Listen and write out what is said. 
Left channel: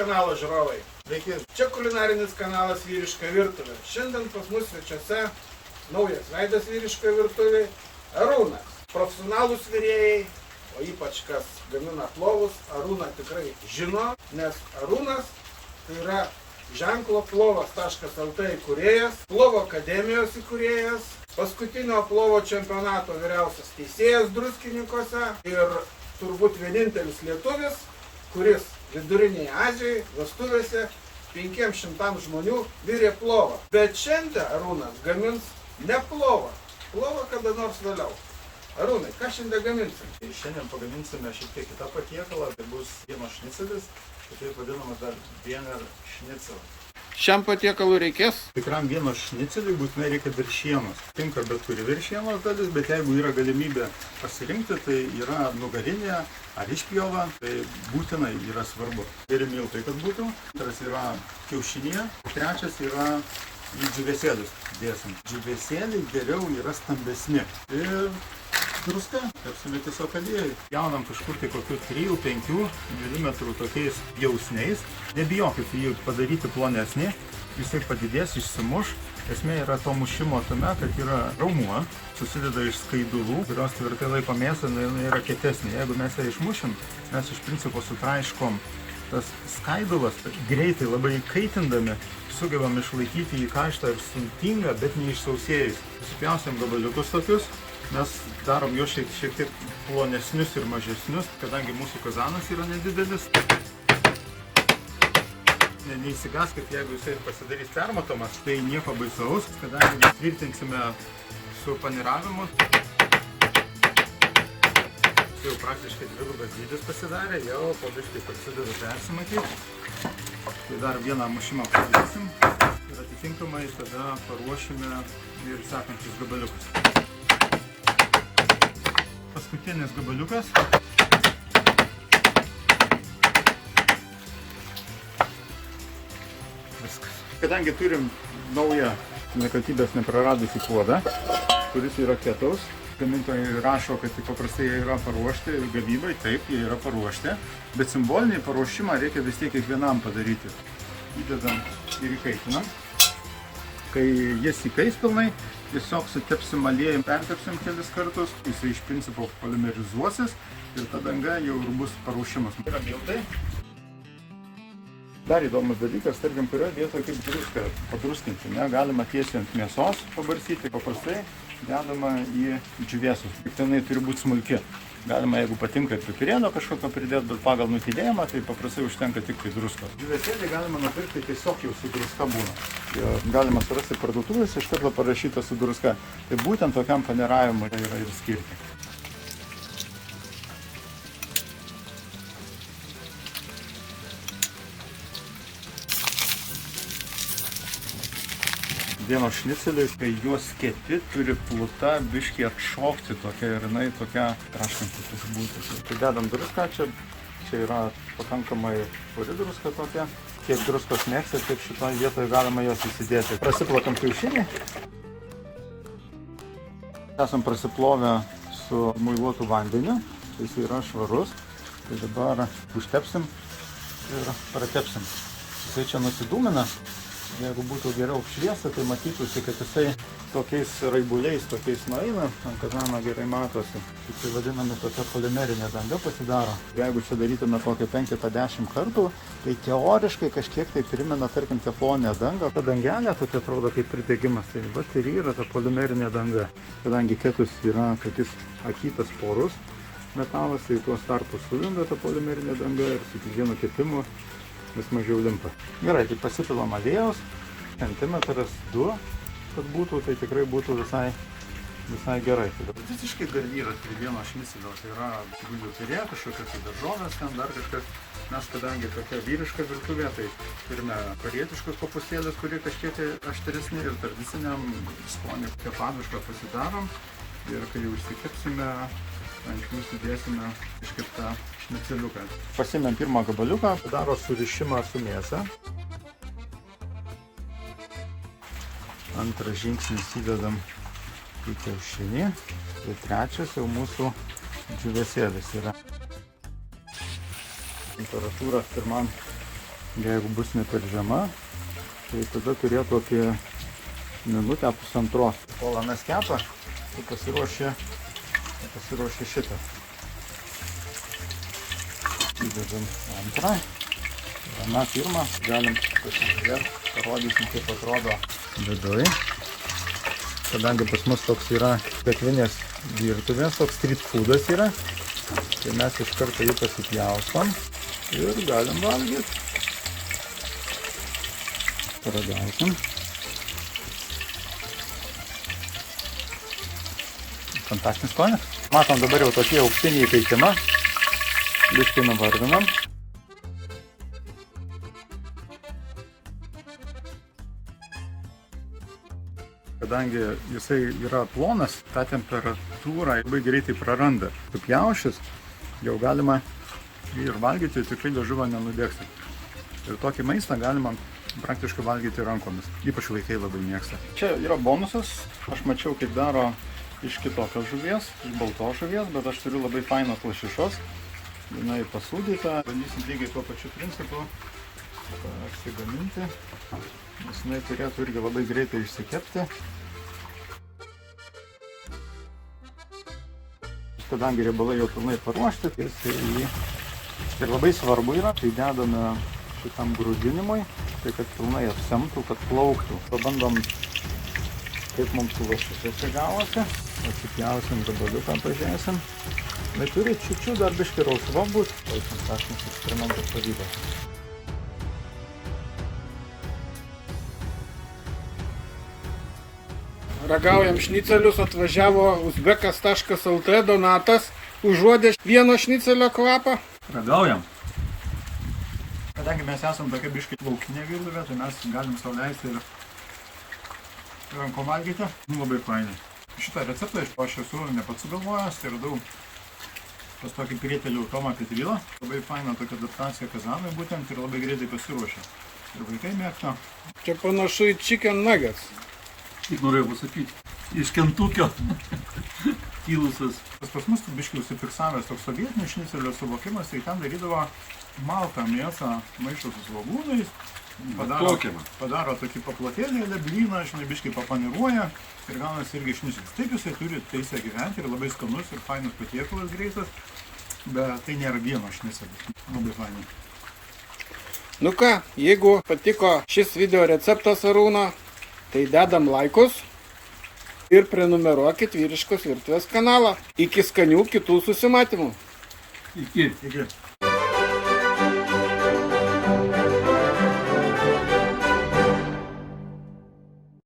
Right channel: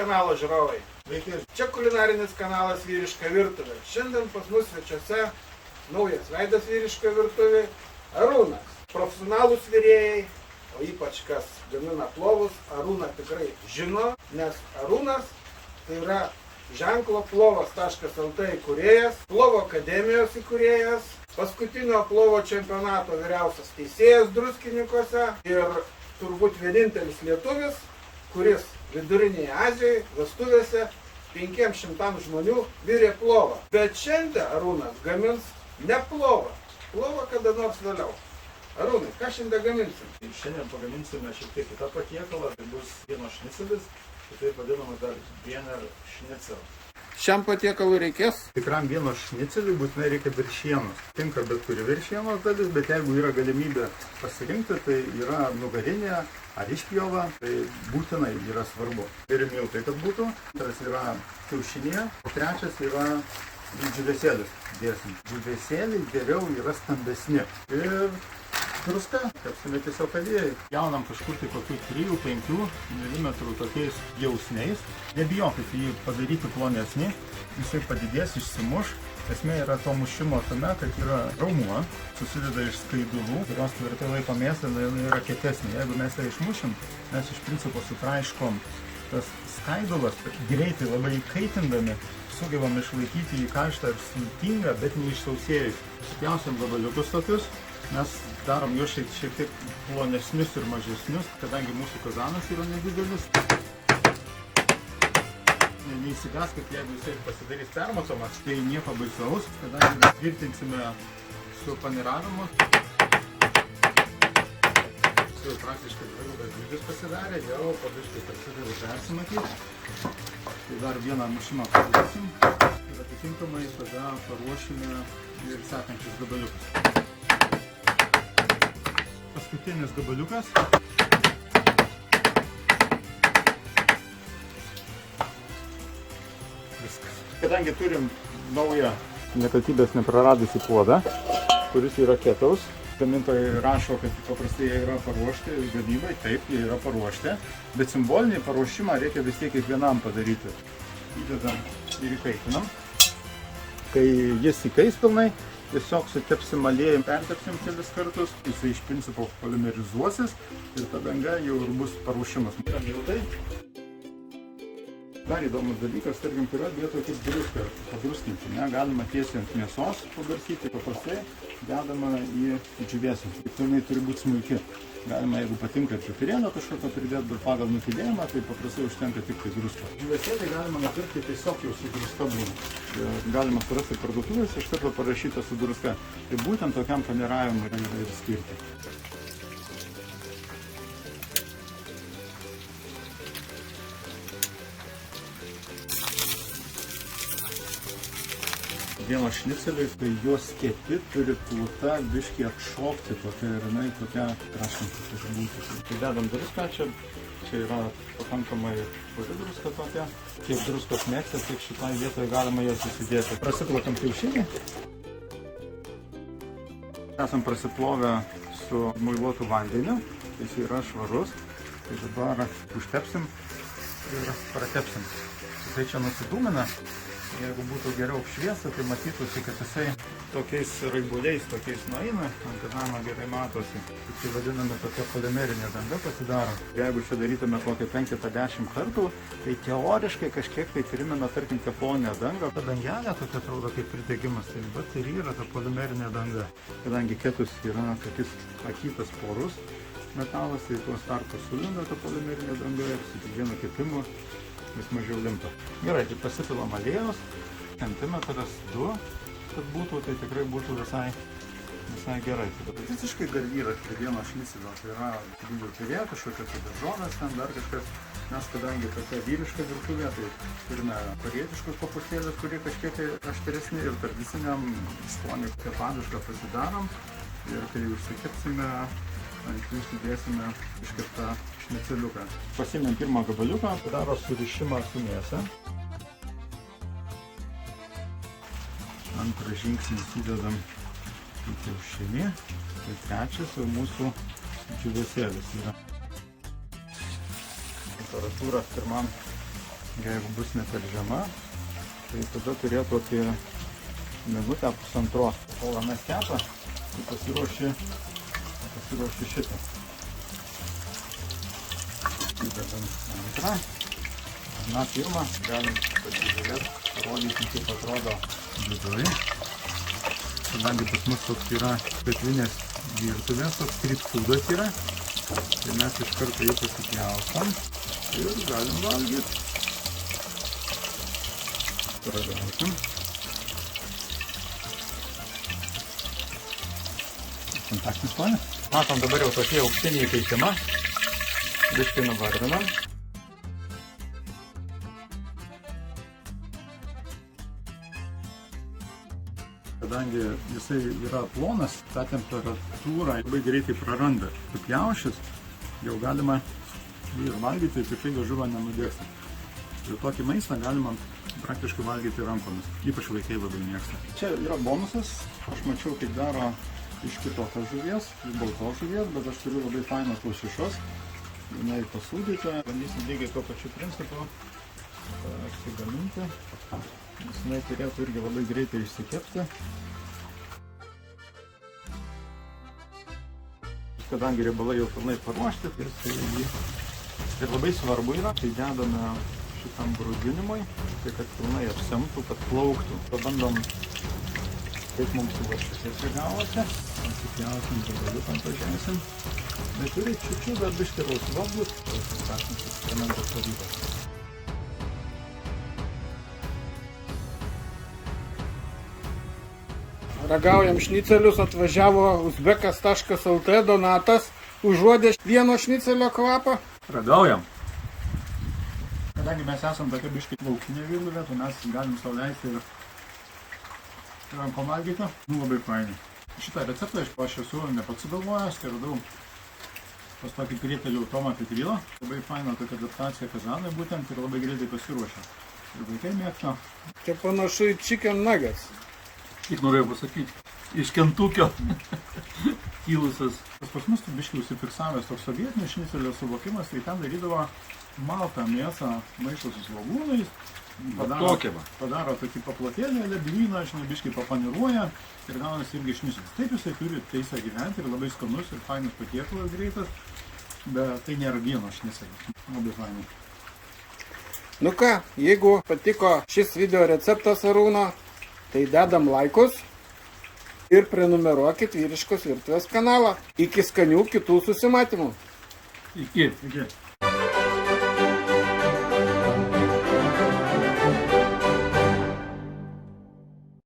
kanalo žiūrovai. Sveiki, čia kulinarinis kanalas Vyriška virtuvė. Šiandien pas mus svečiuose naujas veidas Vyriška virtuvė Arūnas. Profesionalūs virėjai, o ypač kas gamina plovus, Arūną tikrai žino, nes Arūnas tai yra ženklo plovas.lt įkūrėjas, Plovo akademijos įkūrėjas, paskutinio plovo čempionato vyriausias teisėjas Druskininkuose ir turbūt vienintelis lietuvis, kuris Vidurinėje Azijoje vestuvėse 500 žmonių virė plovą. Bet šiandien Arūnas gamins ne plovą. Plovą kada nors vėliau. Arūnai, ką šiandien gaminsim? Šiandien pagaminsime šiek tiek kitą patiekalą. Tai bus vieno šnicelis, kitaip vadinamas dar Wiener Schnitzel. Šiam patiekalui reikės? Tikram vieno šniceliui būtinai reikia viršienos. Tinka bet kuri viršienos dalis, bet jeigu yra galimybė pasirinkti, tai yra nugarinė ar išpjova, tai būtinai yra svarbu. Ir miltai, kad būtų. Antras yra kiaušinė, o trečias yra džiūvėsėlis dėsim. Džiūvėsėliai geriau yra stambesni. Ir druska, kepsime tiesiog aliejai. Jaunam kažkur tai kokių 3-5 mm tokiais jausniais. Nebijokit jį padaryti plonesnį, jisai padidės, išsimuš. Esmė yra to mušimo tame, kad yra raumuo, susideda iš skaidulų, kurios tvirtai laiko mėsą, jinai yra kietesnė. Jeigu mes ją išmušim, mes iš principo sutraiškom tas skaidulas, greitai labai kaitindami, sugebam išlaikyti jį karštą ir sultingą, bet neišsausėjus. Supjausim gabaliukus tokius. Mes darom juos šiek tiek plonesnius ir mažesnius, kadangi mūsų kazanas yra nedidelis. Neįsigaskit, jeigu jisai pasidarys permatomas, tai nieko baisaus, kadangi mes tvirtinsime su paniravimu. Jis jau praktiškai dvigubas dydis pasidarė, jau po biškį prasideda persimatyti. Tai dar vieną mušimą padarysim ir atitinkamai tada paruošime ir sekančius gabaliukus. Paskutinis gabaliukas. Viskas. Kadangi turim naują nekatybės nepraradusį puodą, kuris yra ketaus, gamintojai rašo, kad paprastai jie yra paruošti gamybai, taip, jie yra paruošti, bet simbolinį paruošimą reikia vis tiek kiekvienam padaryti. Įdedam ir įkaitinam. Kai jis įkais pilnai, tiesiog sutepsim aliejum, pertepsim kelis kartus, jisai iš principo polimerizuosis ir ta danga jau ir bus paruošimas. Yra miltai. Dar įdomus dalykas, tarkim, kurioje vietoje kaip druską padruskinti. Galima tiesiai ant mėsos pabarsyti, paprastai dedama į džiūvėsus. Tik tenai turi būti smulki. Galima, jeigu patinka ir pipirėlio kažkokio pridėti, bet pagal nutylėjimą, tai paprastai užtenka tik tai druska. Džiūvėsėlį galima nupirkti tiesiog jau su druska būna. Galima surasti parduotuvės, iš karto parašyta su druska. Tai būtent tokiam paniravimui tai yra ir skirti. Vieno šniceliui, kai juos kepi, turi pluta biškį atšokti tokia ir jinai tokia traškanti būti. Tai dedam druską, čia yra pakankamai puri druska tokia. Kiek druskos mėgsta, tiek šitoje vietoje galima jos įsidėti. Prasiplakam kiaušinį. Esam prasiplovę su muiluotu vandeniu, jis yra švarus. Tai dabar užtepsim ir pratepsim. Jisai čia nusidūmina. Jeigu būtų geriau apšviesta, tai matytųsi, kad jisai tokiais raibuliais, tokiais nueina, ant kazano gerai matosi. Tai vadinami tokia polimerinė danga pasidaro. Jeigu čia darytume kokį 5-10 kartų, tai teoriškai kažkiek tai primena, tarkim, tefloninę dangą. Ta dangelė tokia atrodo kaip pridegimas, tai bet ir yra ta polimerinė danga. Kadangi ketus yra tokis akytas porus metalas, tai tuos tarpus sujungia ta polimerinė danga ir su kiekvienu kepimu vis mažiau limpa. Gerai, tai pasipilam aliejaus, centimetras 2, kad būtų, tai tikrai būtų visai gerai. Visiškai garnyras prie vieno šnicelio, tai yra bulvių pirė, kažkokios daržovės, ten dar kažkas. Mes, kadangi tokia vyriška virtuvė, tai turime korietiškus kopūstėlius, kurie kažkiek aštresni ir tradiciniam skoniui kepadušką pasidarom. Ir kai užsikepsime, ant jų sudėsime iškeptą šniceliuką. Pasimėm pirmą gabaliuką, daro surišimą su mėsa. Antrą žingsnį įsidedam į kiaušinį. Tai trečias jau mūsų džiūvėsėlis yra. Temperatūra pirmam Jeigu bus ne per žema, tai tada turėtų apie minutę pusantros. Kol anas kepa, tai pasiruoši šitą. Įdedam antrą. Na, pirmą galim pasižiūrėti, parodysim, kaip atrodo viduj. Kadangi pas mus toks yra pietvinės virtuvės, toks street foodas yra, tai mes iš karto jį pasipjaustam ir galim valgyti. Ragausim. Fantastinis skonis. Matom dabar jau tokie aukštiniai įkaitimą. Biškai nuvarvinam. Kadangi jisai yra plonas, tą temperatūrą labai greitai praranda. Supjaušius jau galima jį ir valgyti, tikrai liežuvio nenudegsi. Ir tokį maistą galima praktiškai valgyti rankomis. Ypač vaikai labai mėgsta. Čia yra bonusas. Aš mačiau, kaip daro iš kitokios žuvies, iš baltos žuvies, bet aš turiu labai fainos lašišos. Jinai pasūdyta. Bandysim lygiai tuo pačiu principu apsigaminti. Nes jinai turėtų irgi labai greitai išsikepti. Kadangi riebalai jau pilnai paruošti, tai jį ir labai svarbu yra, tai dedame šitam grūdinimui, tai kad pilnai apsemtų, kad plauktų. Pabandom, kaip mums su lašišose gavosi. Atsipjausim gabaliuką, pažiūrėsim. Bet turi čiučiu dar biškį rausva būt, tai tas eksperimentas pavyko. Ragaujam šnicelius, atvažiavo uzbekas.lt Donatas, užuodė vieno šnicelio kvapą. Ragaujam. Kadangi mes esam tokia biškai laukinė virtuvė, tai mes galim sau leisti ir rankom valgyti. Labai fainai. Šitą receptą aš esu ne pats sugalvojęs, tai radau pas tokį prietelį Tomą Petrylą. Labai faina tokia adaptacija kazanui būtent ir labai greitai pasiruošia. Ir vaikai mėgsta. Čia panašu į chicken nuggets. Kaip norėjau pasakyti, iš Kentukio kilusias. Pas mus biškai užsifiksavęs toks sovietinis šnicelio suvokimas, tai ten darydavo maltą mėsą maišo su svogūnais, padaro tokį paplotėlį, leblyną, žinai, biškai papaniruoja ir gaunasi irgi šnicelis. Taip jisai turi teisę gyventi ir labai skanus ir fainas patiekalas greitas, bet tai nėra vieno šnicelis. Labai fainai. Nu ką, jeigu patiko šis video receptas Arūno, tai dedam laikus ir prenumeruokit Vyriškos virtuvės kanalą. Iki skanių kitų susimatymų. Iki.